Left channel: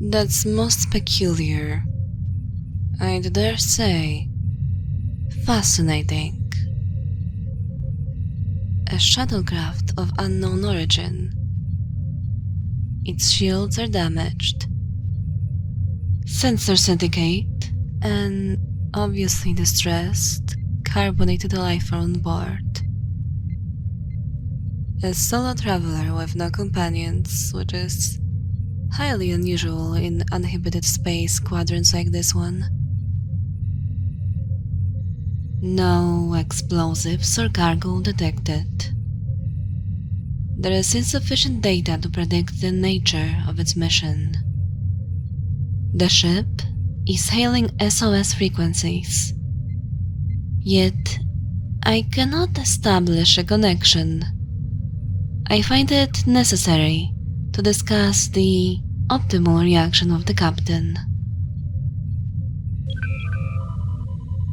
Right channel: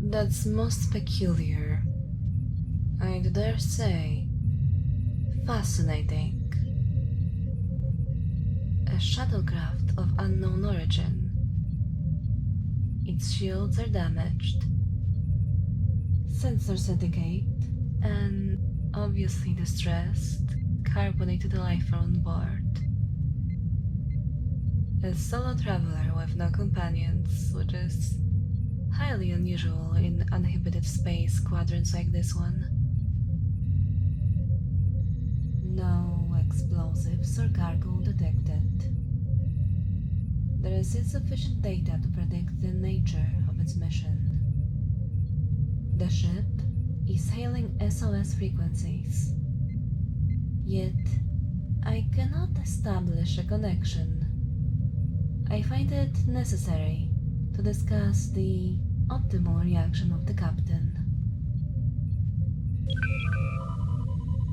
That's most peculiar. I'd dare say, fascinating. A shuttlecraft of unknown origin. Its shields are damaged. Sensors indicate an obviously distressed, carbonated life on board. A solo traveler with no companions, which is highly unusual in uninhabited space quadrants like this one. No explosives or cargo detected. There is insufficient data to predict the nature of its mission. The ship is hailing SOS frequencies, yet I cannot establish a connection. I find it necessary to discuss the optimal reaction of the captain.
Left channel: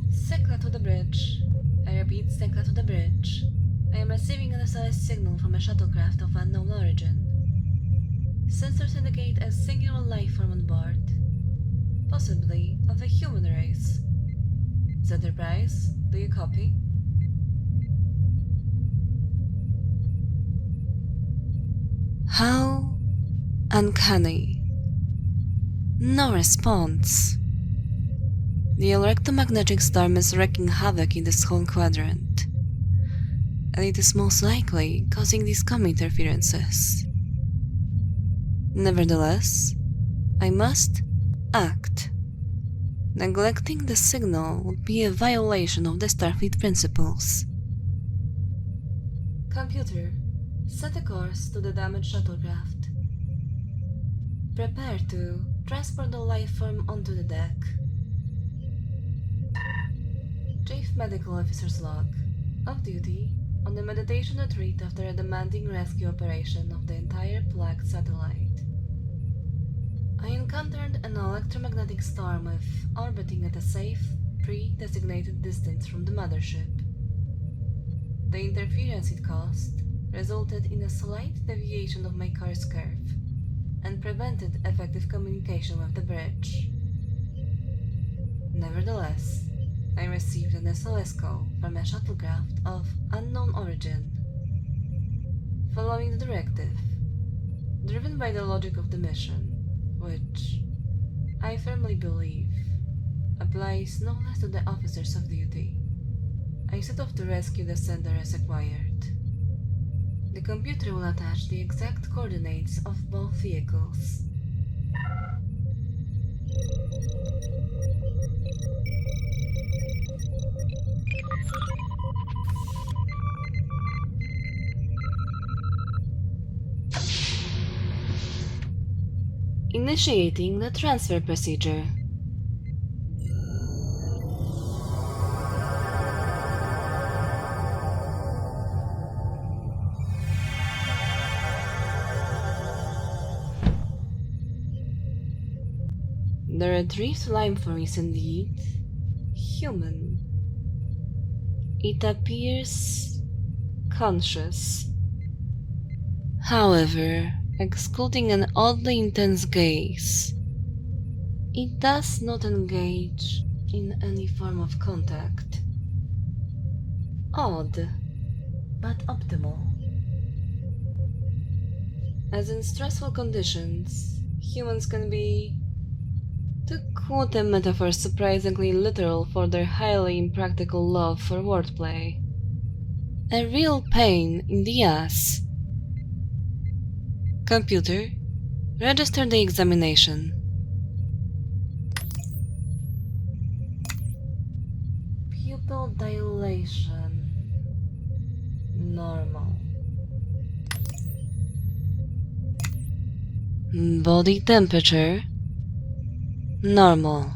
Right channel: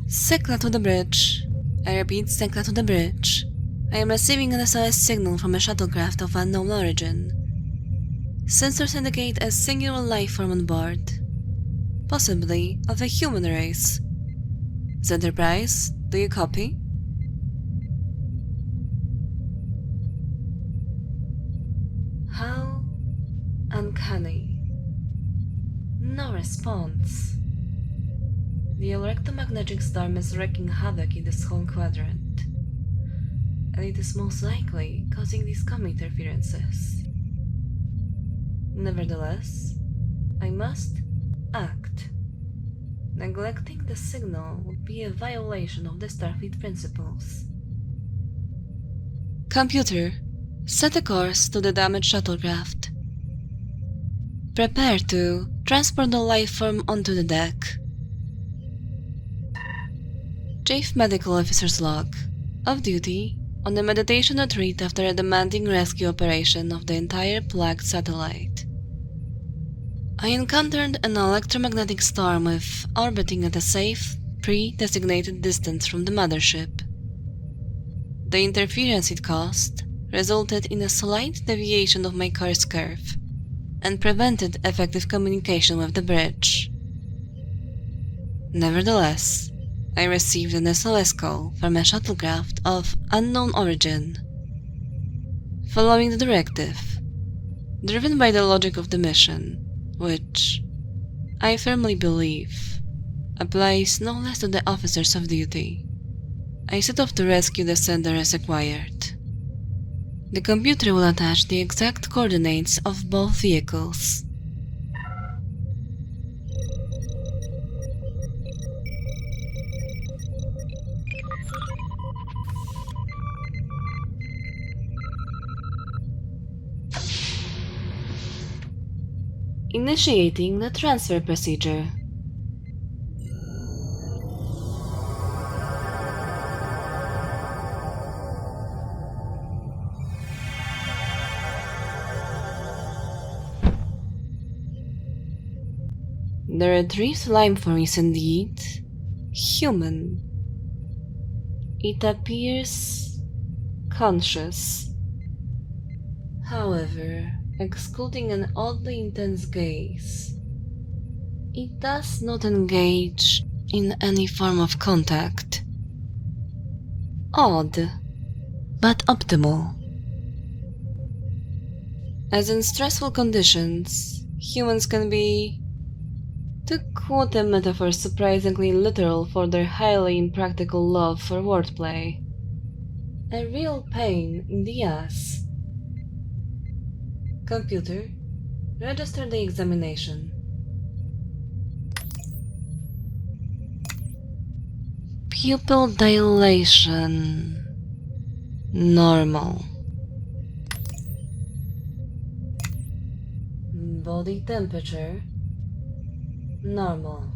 Signal to the bridge. I repeat, signal to the bridge. I am receiving an SOS signal from a shuttlecraft of unknown origin. Sensors indicate a singular life form on board, possibly of a human race. Enterprise, do you copy? How uncanny. No response. The electromagnetic storm is wreaking havoc in this whole quadrant, and it is most likely causing these comm interferences. Nevertheless, I must act. Neglecting the signal would be a violation of the Starfleet principles. Computer, set a course to the damaged shuttlecraft. Prepare to transport the lifeform onto the deck. Chief Medical Officer's log. Off duty on a meditation retreat after a demanding rescue operation of the entire plagued satellite. I encountered an electromagnetic storm with orbiting at a safe, pre-designated distance from the mothership. The interference it caused resulted in a slight deviation of my course curve and prevented effective communication with the bridge. Nevertheless, I received an SOS call from a shuttlecraft of unknown origin. Following the directive, driven by the logic of the mission, which, I firmly believe, applies no less to the officers of duty, I set off to rescue the sender as required. The computer will attach the exact coordinates of both vehicles. Initiating the transfer procedure. The retrieved limeform is indeed human. It appears conscious. However, excluding an oddly intense gaze, it does not engage in any form of contact. Odd, but optimal. As in stressful conditions, humans can be, to quote a metaphor surprisingly literal for their highly impractical love for wordplay, a real pain in the ass. Computer, register the examination. Pupil dilation. Normal. Body temperature. Normal.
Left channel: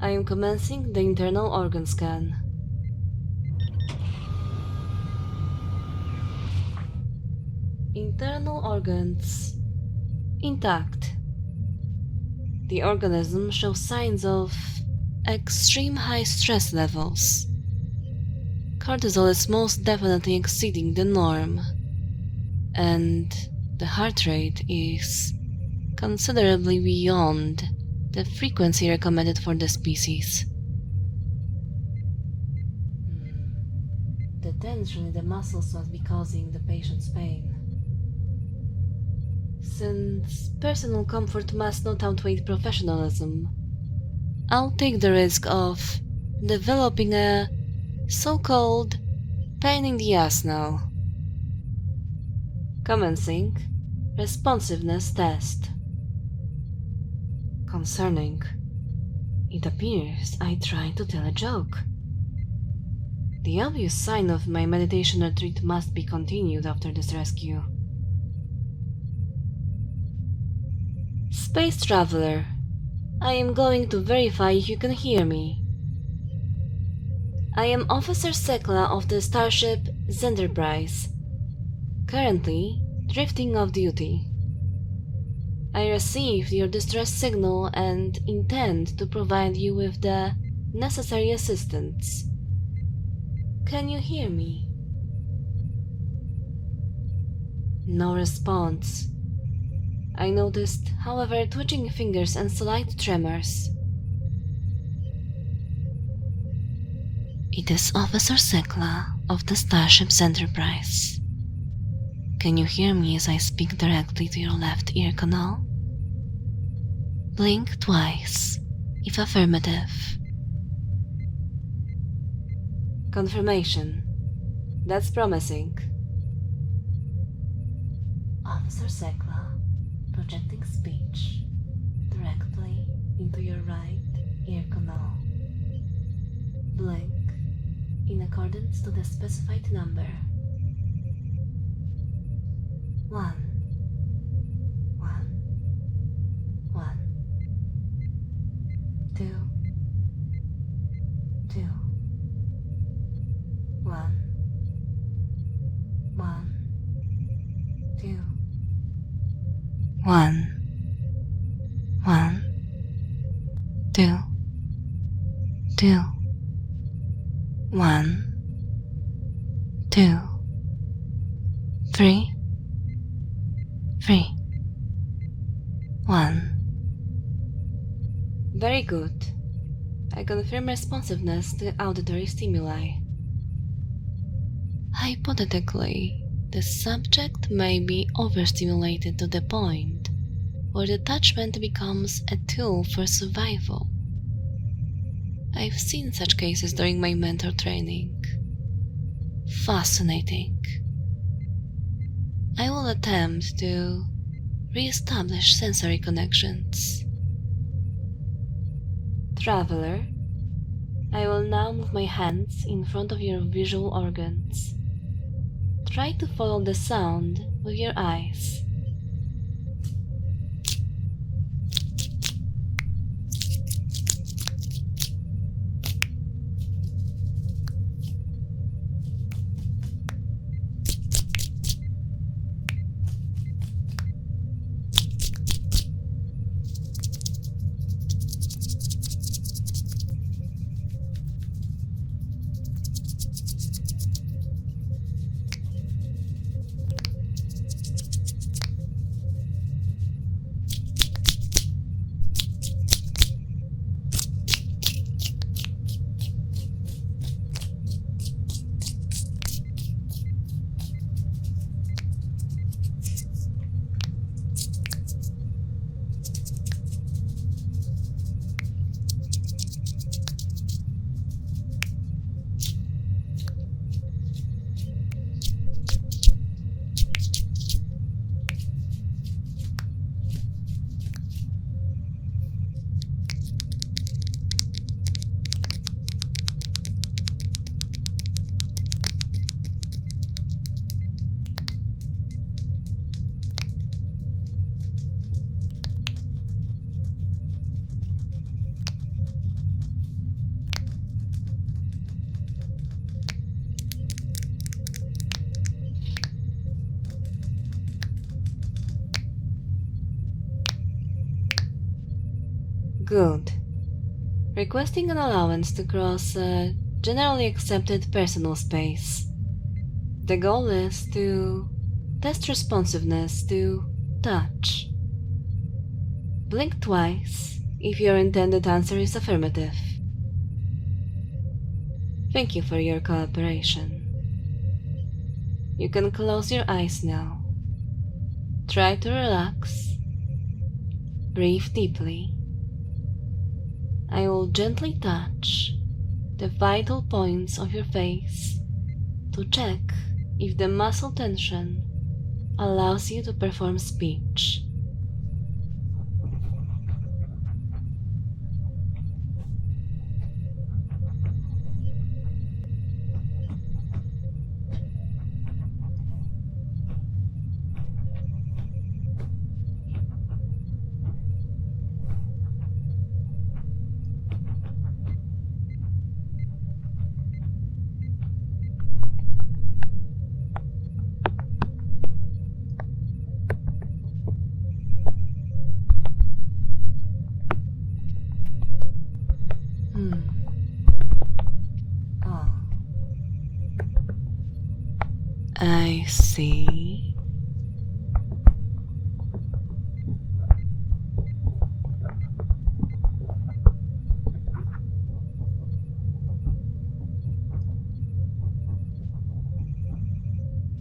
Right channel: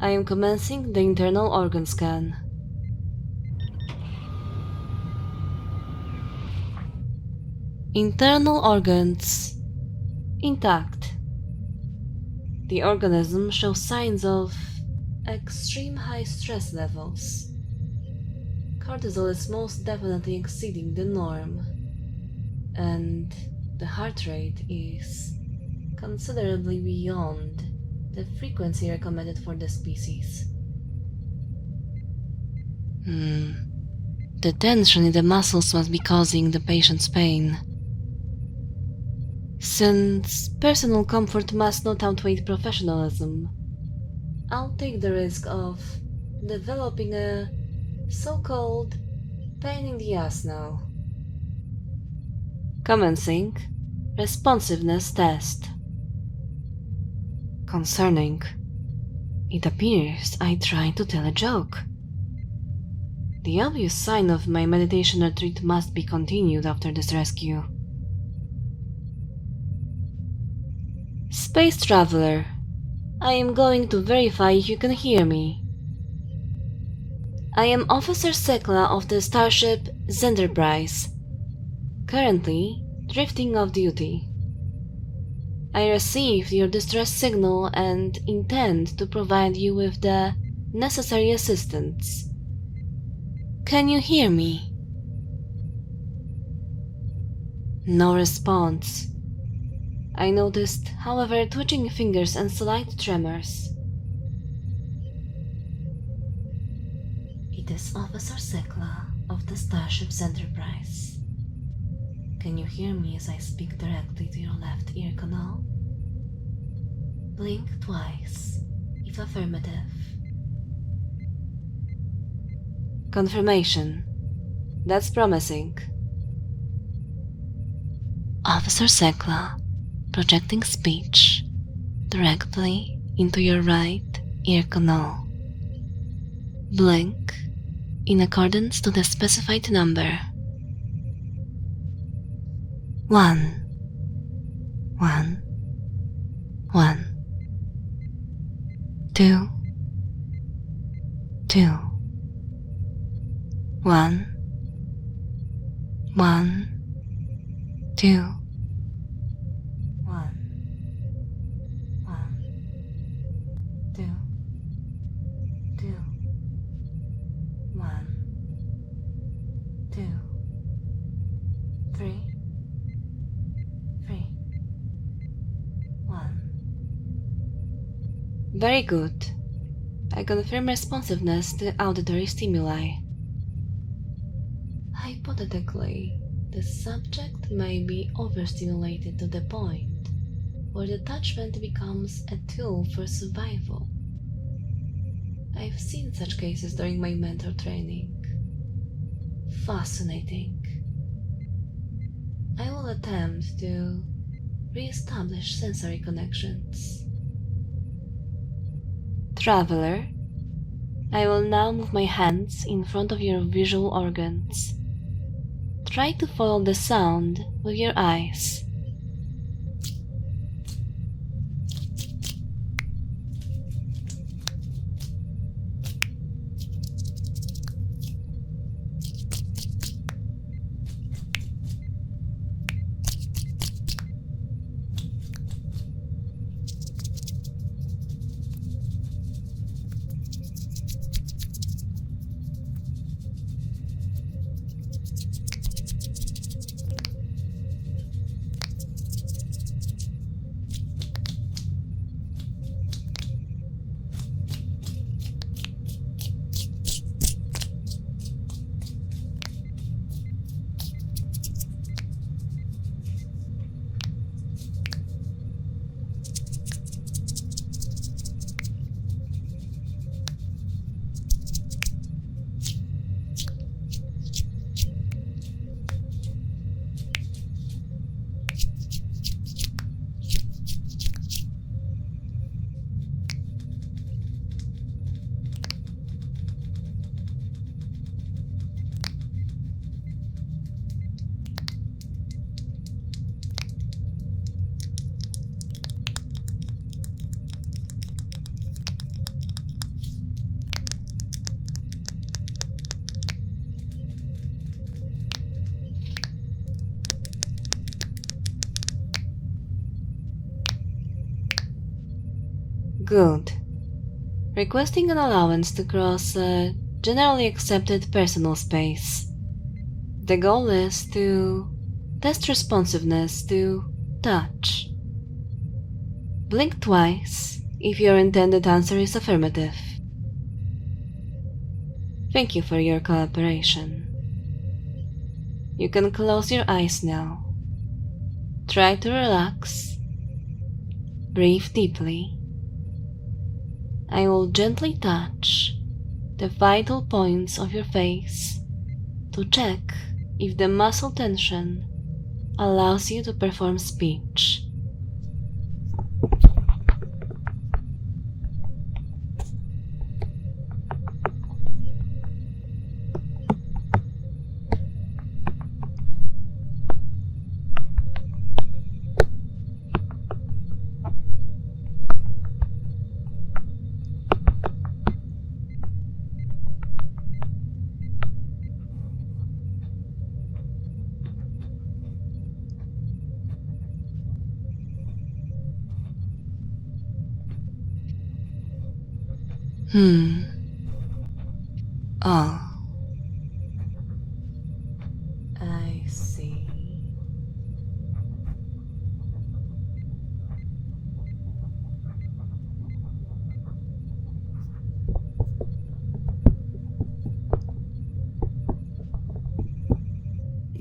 I am commencing the internal organ scan. Internal organs intact. The organism shows signs of extreme high stress levels. Cortisol is most definitely exceeding the norm. and the heart rate is considerably beyond the frequency recommended for the species. The tension in the muscles must be causing the patient's pain. Since personal comfort must not outweigh professionalism, I'll take the risk of developing a so-called pain in the ass now. Commencing responsiveness test. Concerning, it appears I tried to tell a joke. The obvious sign of my meditation retreat must be continued after this rescue. Space Traveler, I am going to verify if you can hear me. I am Officer Sekla of the starship Zenterprise, currently drifting off duty. I received your distress signal and intend to provide you with the necessary assistance. Can you hear me? No response. I noticed, however, twitching fingers and slight tremors. It is Officer Sekla of the Starship Enterprise. Can you hear me as I speak directly to your left ear canal? Blink twice, if affirmative. Confirmation. That's promising. Officer Sekla, projecting speech directly into your right ear canal. Blink in accordance to the specified number. 1 1 1 2 2 1 1 2 1 1 2 2 1 2 3 3 1. Very good. I confirm responsiveness to auditory stimuli. Hypothetically, the subject may be overstimulated to the point where detachment becomes a tool for survival. I've seen such cases during my mentor training. Fascinating. I will attempt to re-establish sensory connections. Traveler, I will now move my hands in front of your visual organs. Try to follow the sound with your eyes. Good. Requesting an allowance to cross a generally accepted personal space. The goal is to Test responsiveness to touch. Blink twice if your intended answer is affirmative. Thank you for your cooperation. You can close your eyes now. Try to relax. Breathe deeply. I will gently touch the vital points of your face to check if the muscle tension allows you to perform speech. Oh. I see.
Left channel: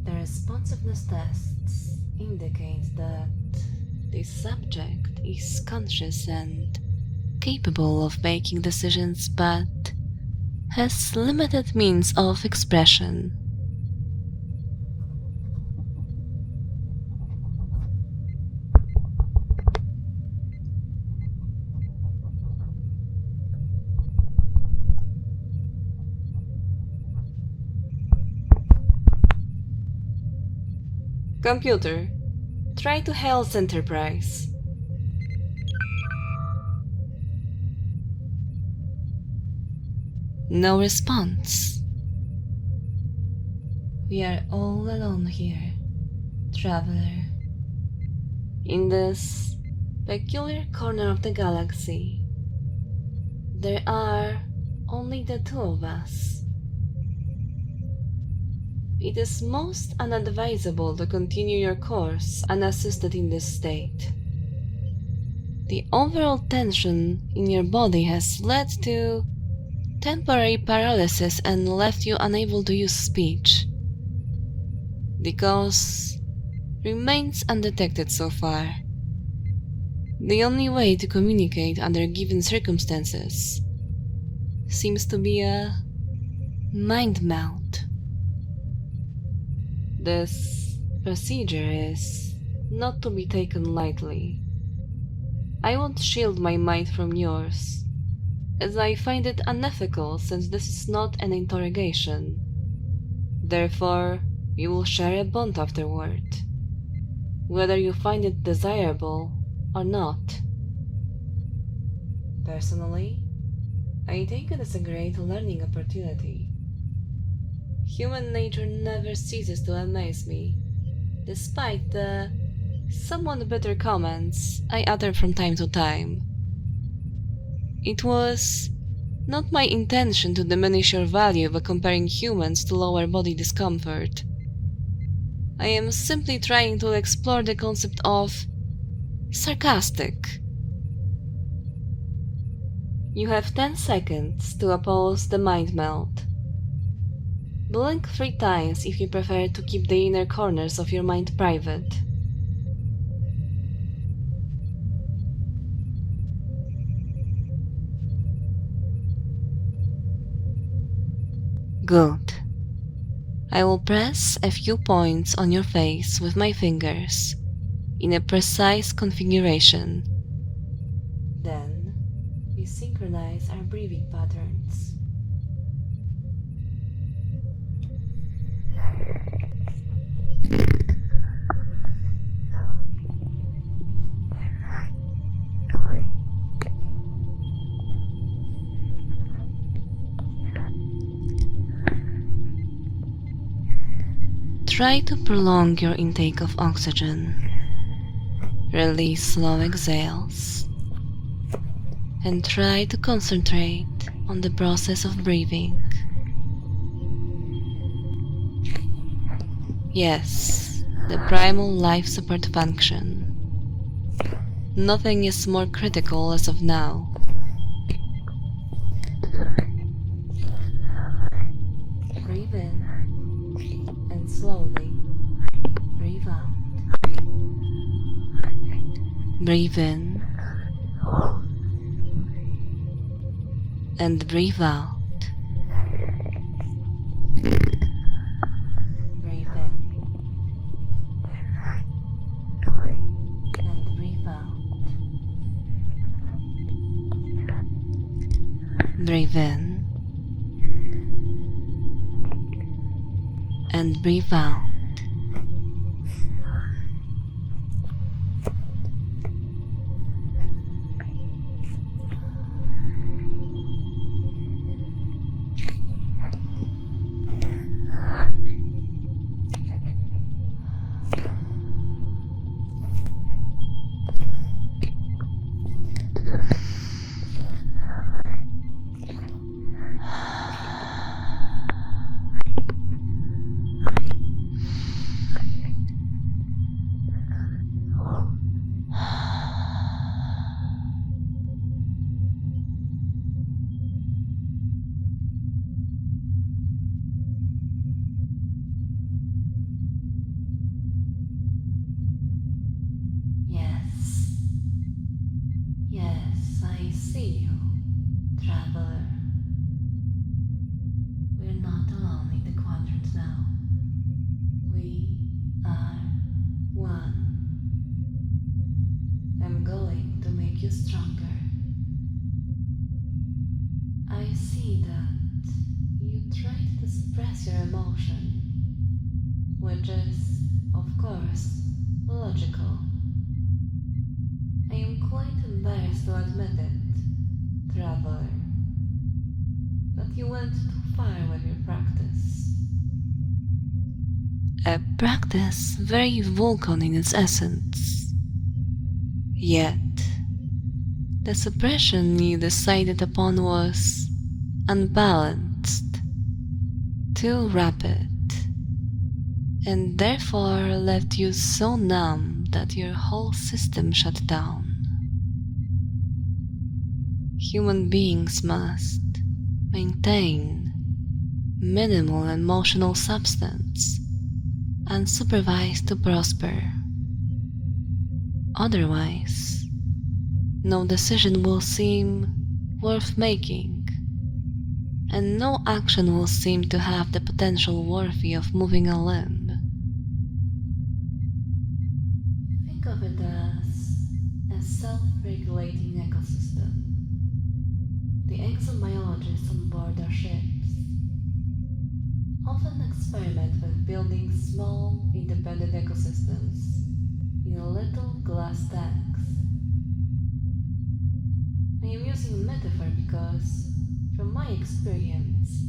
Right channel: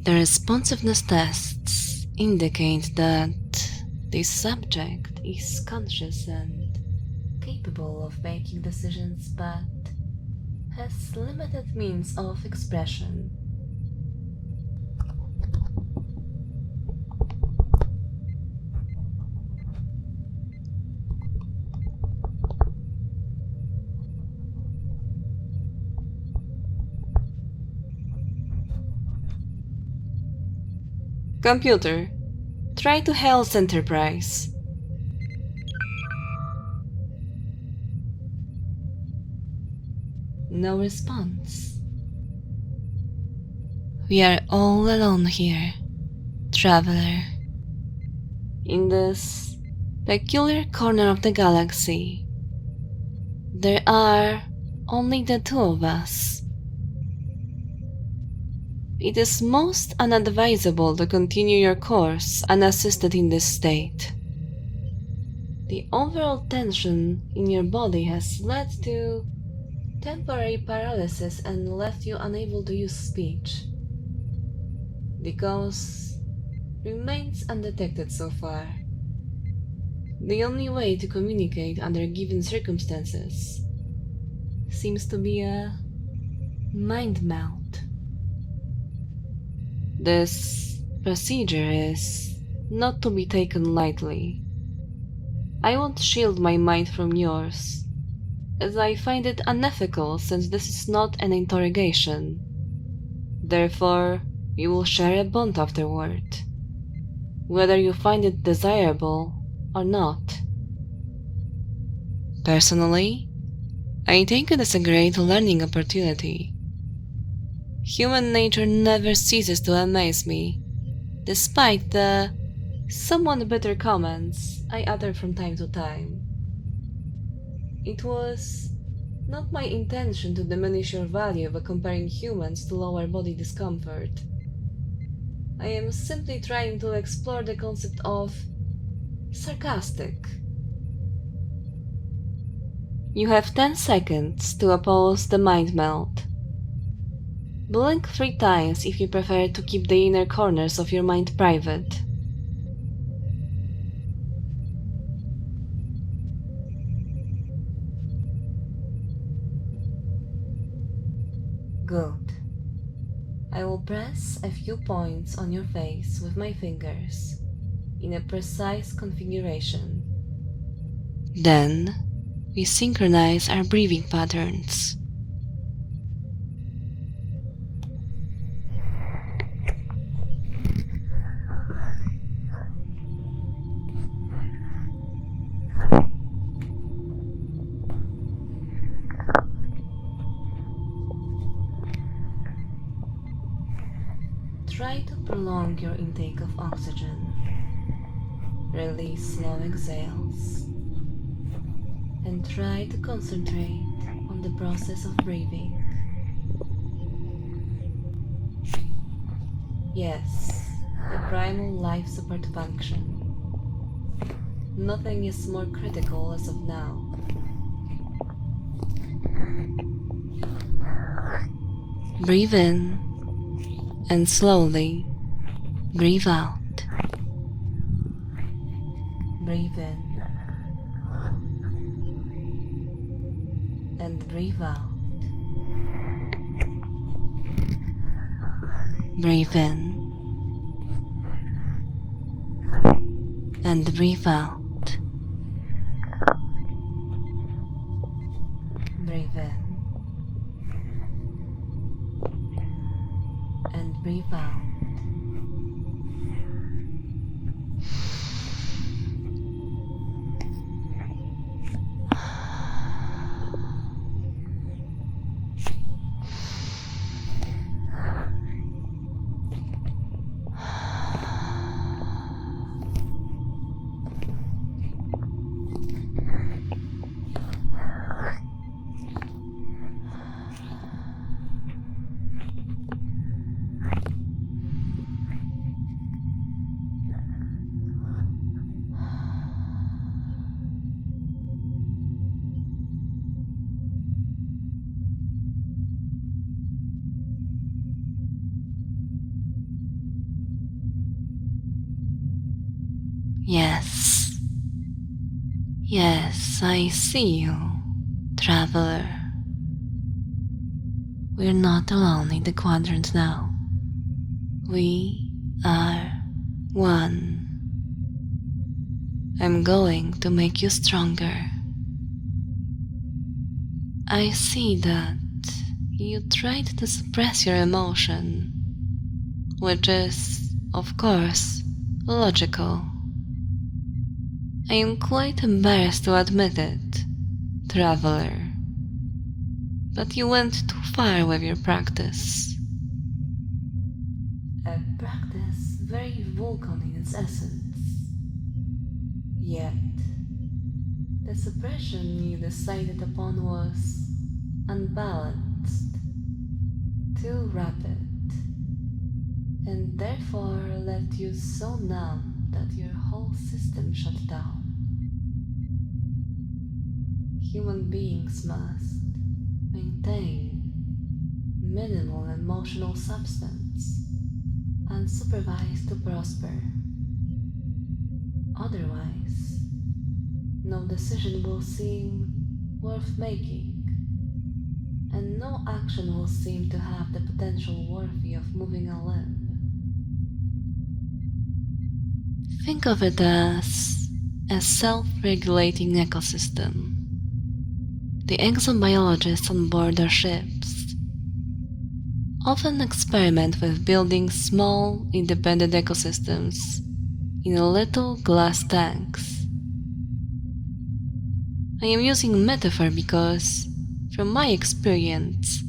The responsiveness tests indicate that this subject is conscious and capable of making decisions but has limited means of expression. Computer, try to hail Enterprise. No response. We are all alone here, traveler. In this peculiar corner of the galaxy, there are only the two of us. It is most unadvisable to continue your course unassisted in this state. The overall tension in your body has led to temporary paralysis and left you unable to use speech. The cause remains undetected so far. The only way to communicate under given circumstances seems to be a mind meld. This procedure is not to be taken lightly. I won't shield my mind from yours, as I find it unethical since this is not an interrogation. Therefore, we will share a bond afterward, whether you find it desirable or not. Personally, I take it as a great learning opportunity. Human nature never ceases to amaze me, despite the somewhat bitter comments I utter from time to time. It was not my intention to diminish your value by comparing humans to lower body discomfort. I am simply trying to explore the concept of sarcastic. You have 10 seconds to oppose the mind meld. Blink 3 times if you prefer to keep the inner corners of your mind private. Good. I will press a few points on your face with my fingers in a precise configuration. Then, we synchronize our breathing patterns. Try to prolong your intake of oxygen. Release slow exhales. And try to concentrate on the process of breathing. Yes, the primal life support function. Nothing is more critical as of now. Breathe in and slowly breathe out. Breathe in and breathe out. Breathe in and breathe out. Breathe in and breathe out. Yes, I see you, traveler. We're not alone in the quadrant now. We are one. I'm going to make you stronger. I see that you tried to suppress your emotion, which is, of course, logical. I am quite embarrassed to admit it, traveler. But you went too far with your practice. A practice very Vulcan in its essence. Yet, the suppression you decided upon was unbalanced, too rapid, and therefore left you so numb that your whole system shut down. Human beings must maintain minimal emotional substance unsupervised to prosper. Otherwise, no decision will seem worth making, and no action will seem to have the potential worthy of moving a limb. Think of it as a self-regulating ecosystem. The exobiologists on board our ships often experiment with building small, independent ecosystems in little glass tanks. I am using metaphor because, from my experience,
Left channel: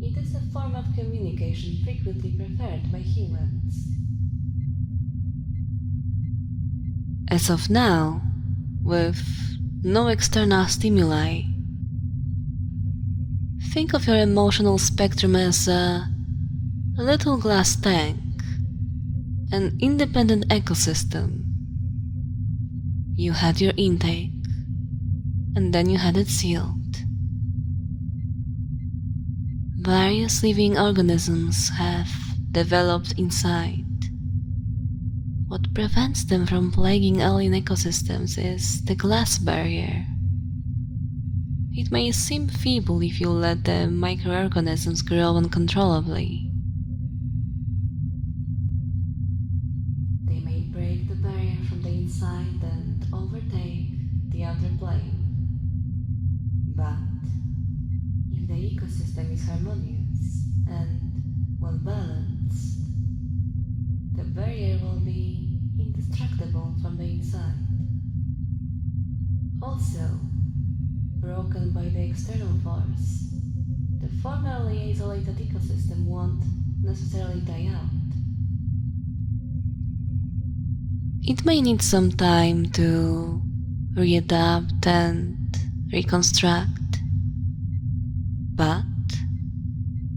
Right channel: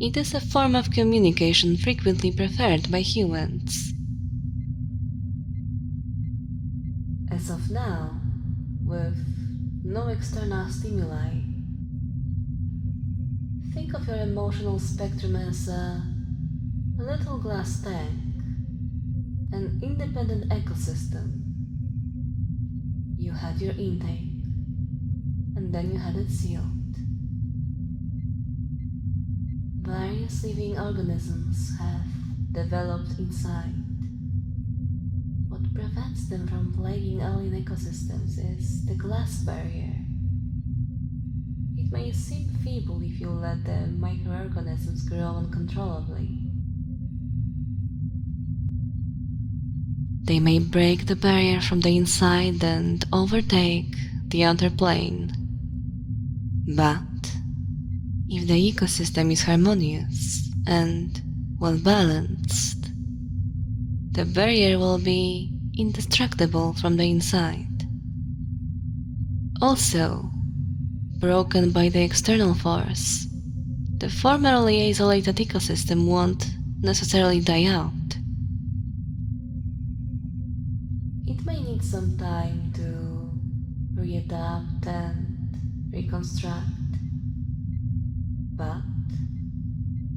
it is a form of communication frequently preferred by humans. As of now, with no external stimuli, think of your emotional spectrum as a little glass tank, an independent ecosystem. You had your intake, and then you had it sealed. Various living organisms have developed inside. What prevents them from plaguing alien ecosystems is the glass barrier. It may seem feeble if you let the microorganisms grow uncontrollably. They may break the barrier from the inside and overtake the outer plane. But if the ecosystem is harmonious and well balanced, the barrier will be indestructible from the inside. Also, broken by the external force, the formerly isolated ecosystem won't necessarily die out. It may need some time to readapt and reconstruct, but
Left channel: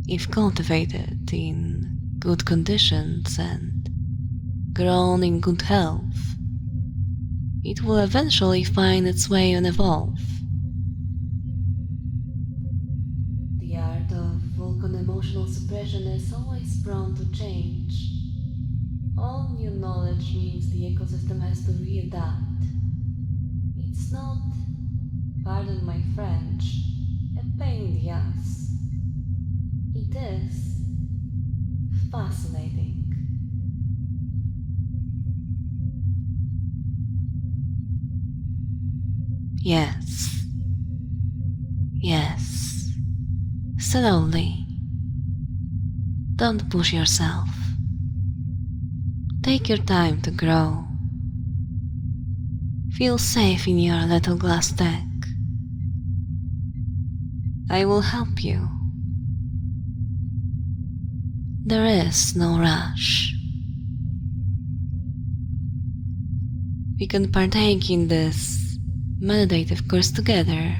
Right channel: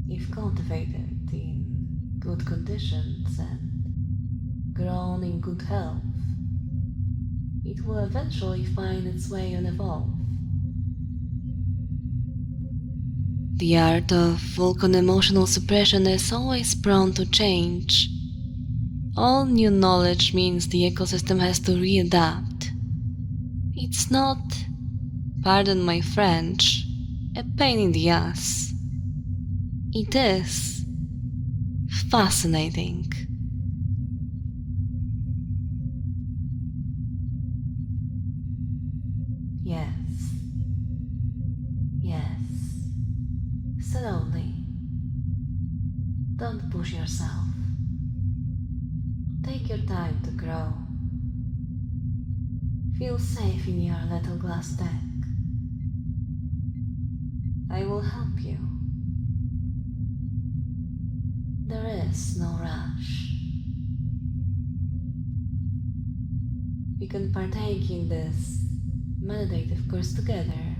if cultivated in good conditions and grown in good health, it will eventually find its way and evolve. The art of Vulcan emotional suppression is always prone to change. All new knowledge means the ecosystem has to readapt. It's not, pardon my French, a pain in the ass. It is fascinating. Yes. Yes. Slowly. Don't push yourself. Take your time to grow. Feel safe in your little glass deck. I will help you. There is no rush. We can partake in this meditative course together.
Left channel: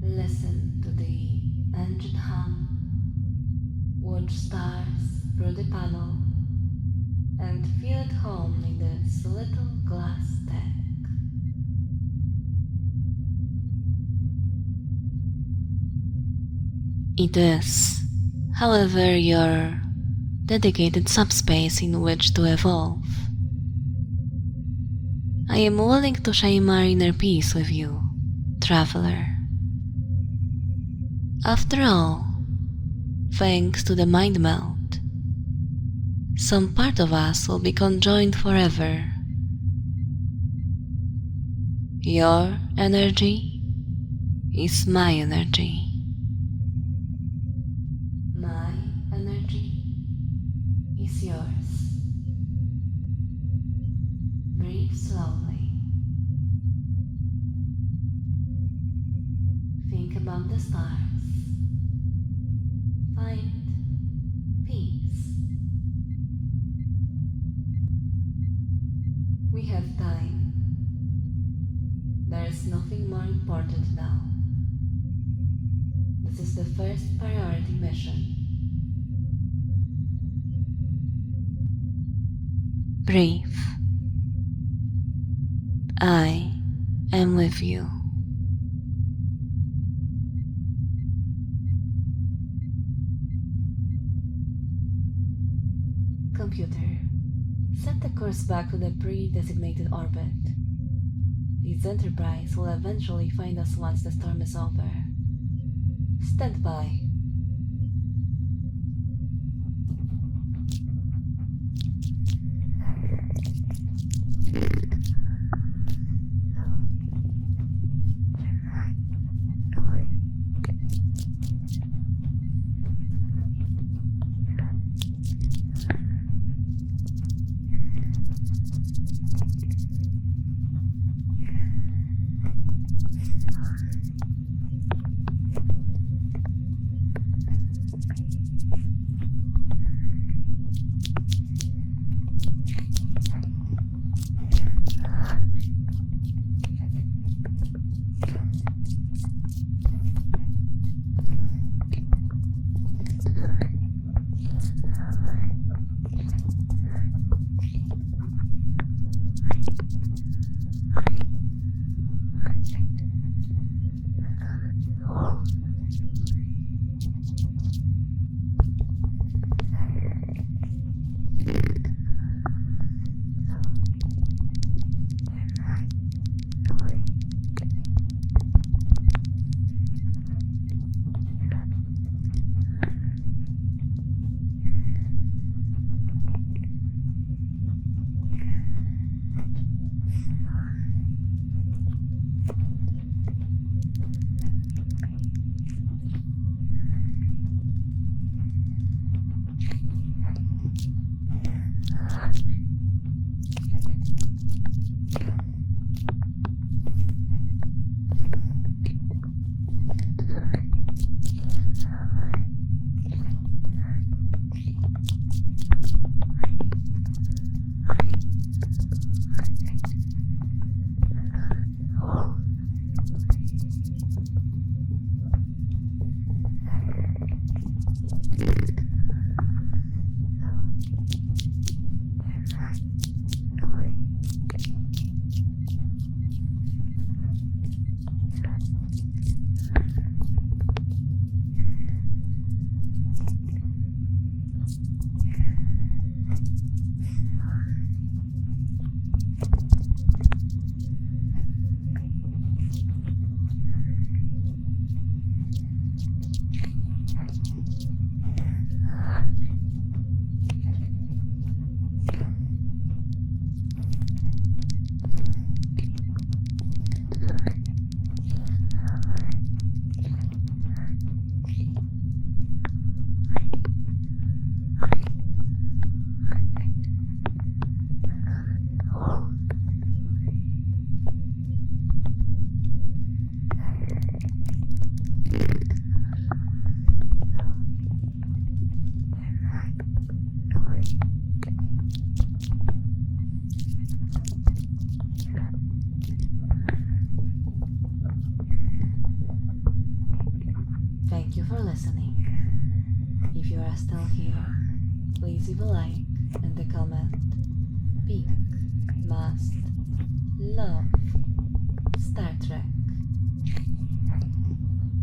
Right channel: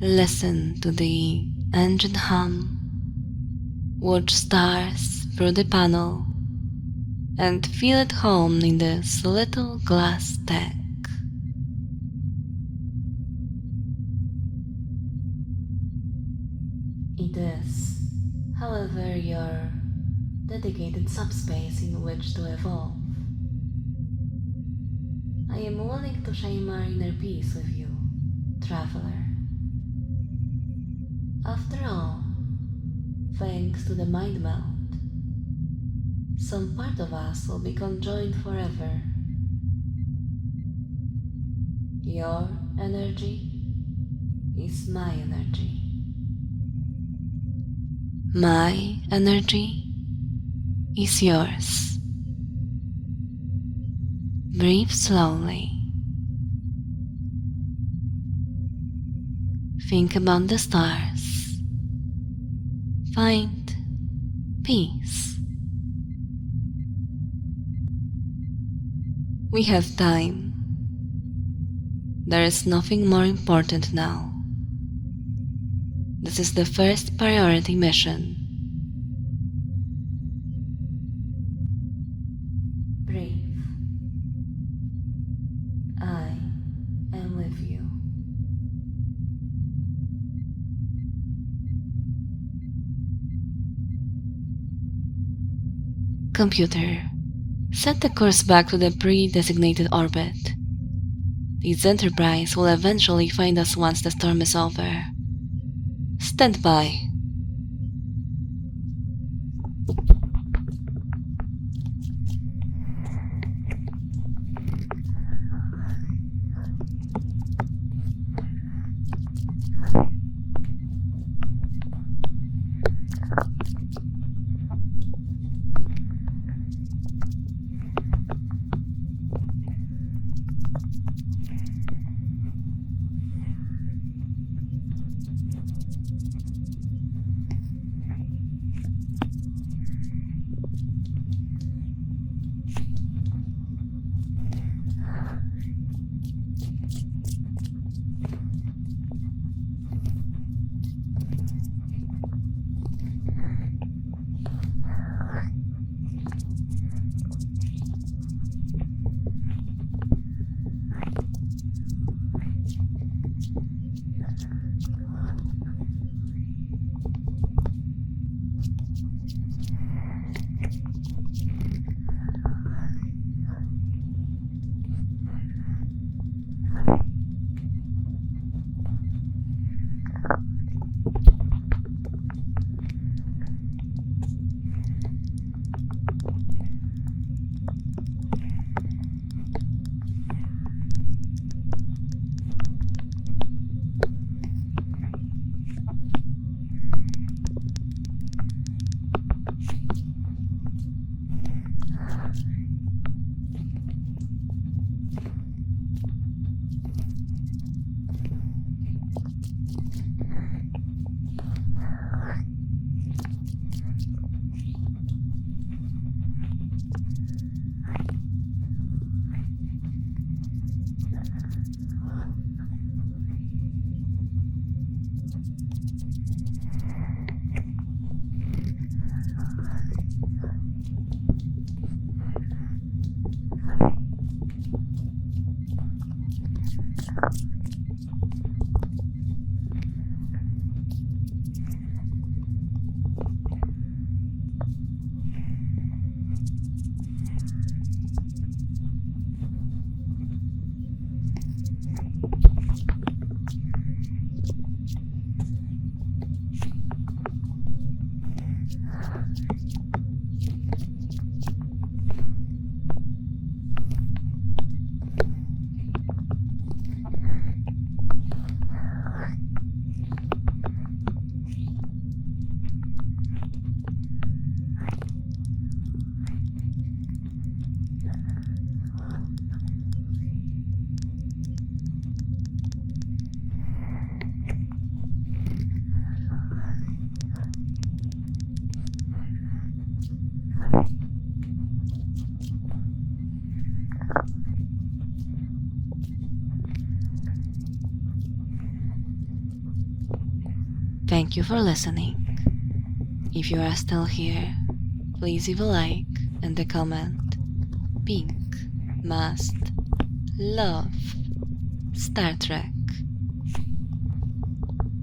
Listen to the engine hum, watch stars through the panel, and feel at home in this little glass deck. It is, however, your dedicated subspace in which to evolve. I am willing to share my inner peace with you, traveler. After all, thanks to the mind meld, some part of us will be conjoined forever. Your energy is my energy. My energy is yours. Breathe slowly. Think about the stars. Find peace. We have time. There is nothing more important now. This is the first priority mission. Breathe. I am with you. Computer, set the course back to the pre-designated orbit. This enterprise will eventually find us once the storm is over. Stand by. Thank you for listening. If you are still here, please leave a like and a comment. Pink must love Star Trek.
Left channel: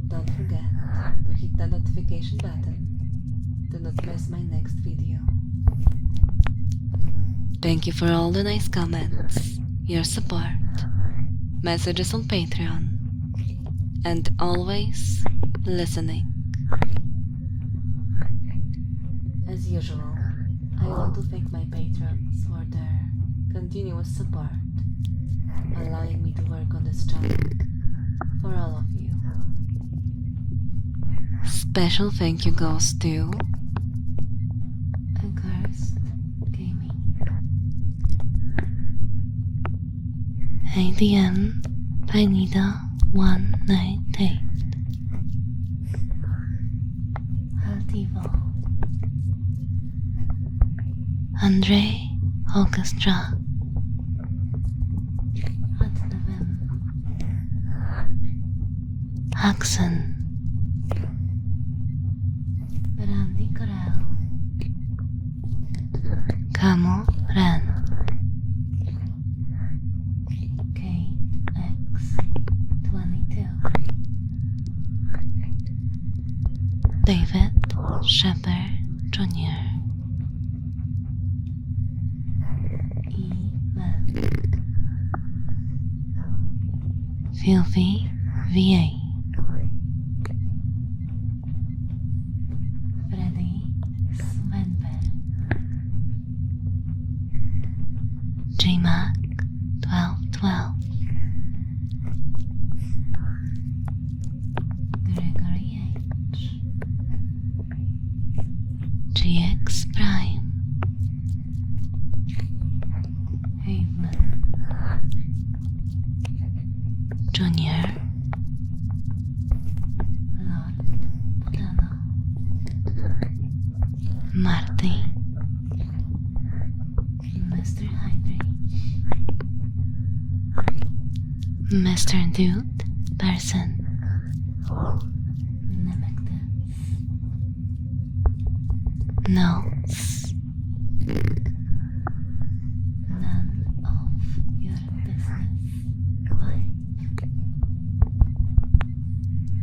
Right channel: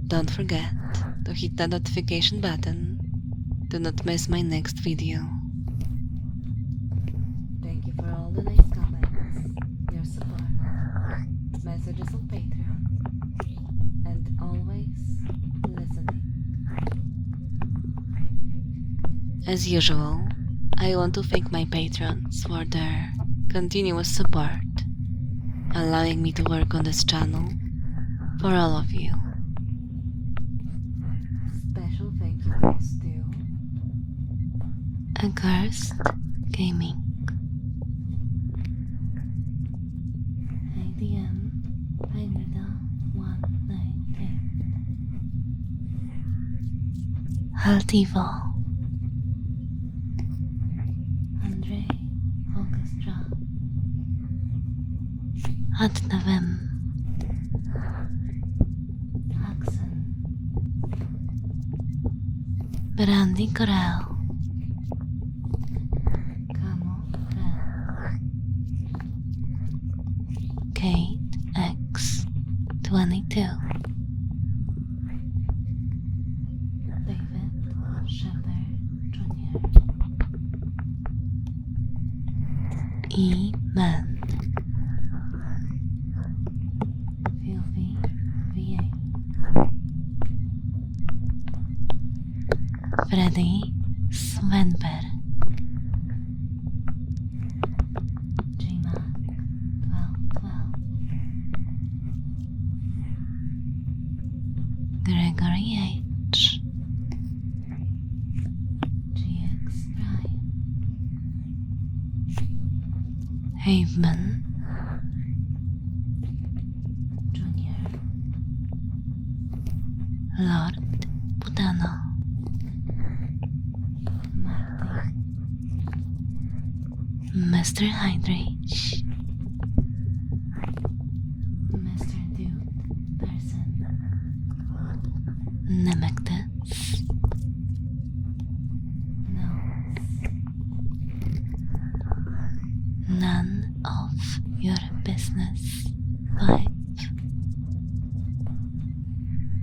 Don't forget to hit the notification button to not miss my next video. Thank you for all the nice comments, your support, messages on Patreon, and always listening. As usual, I want to thank my patrons for their continuous support, allowing me to work on this channel for all of you. Special thank you goes to Accursed Gaming, ADM Pineda 198, Altivo, Andre Orchestra, Adnavem, Haxon, Brandy Corral, Camo Ren, Kate X22, David Shepard Jr., Meld, Filthy VA, Freddy Svenberg, JMac 1212, Gregory H, GX Prime, Haveman Junior, Lord Putano, Marty, Mr. Hydrich, Mr. Dude Person, Nemectus, Nose, None of Your Business 5,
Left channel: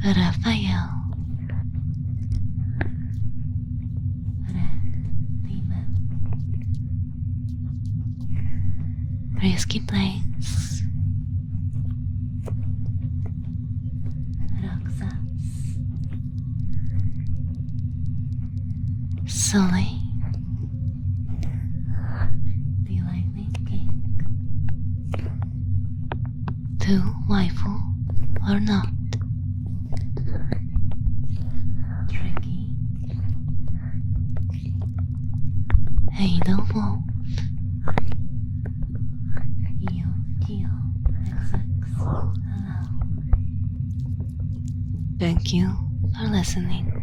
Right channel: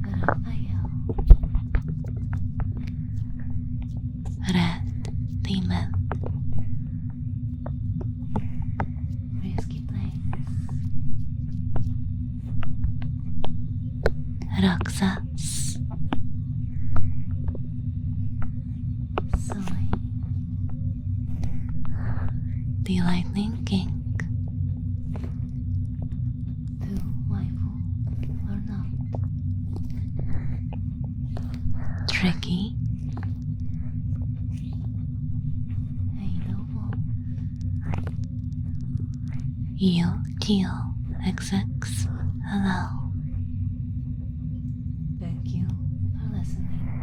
Raphael, Red Demon, Risky Place, Roxas, Sully, The Lightning King, To Waifu or Not, Tricky, Ada Wolf, You Kill XX Hello. Thank you for listening.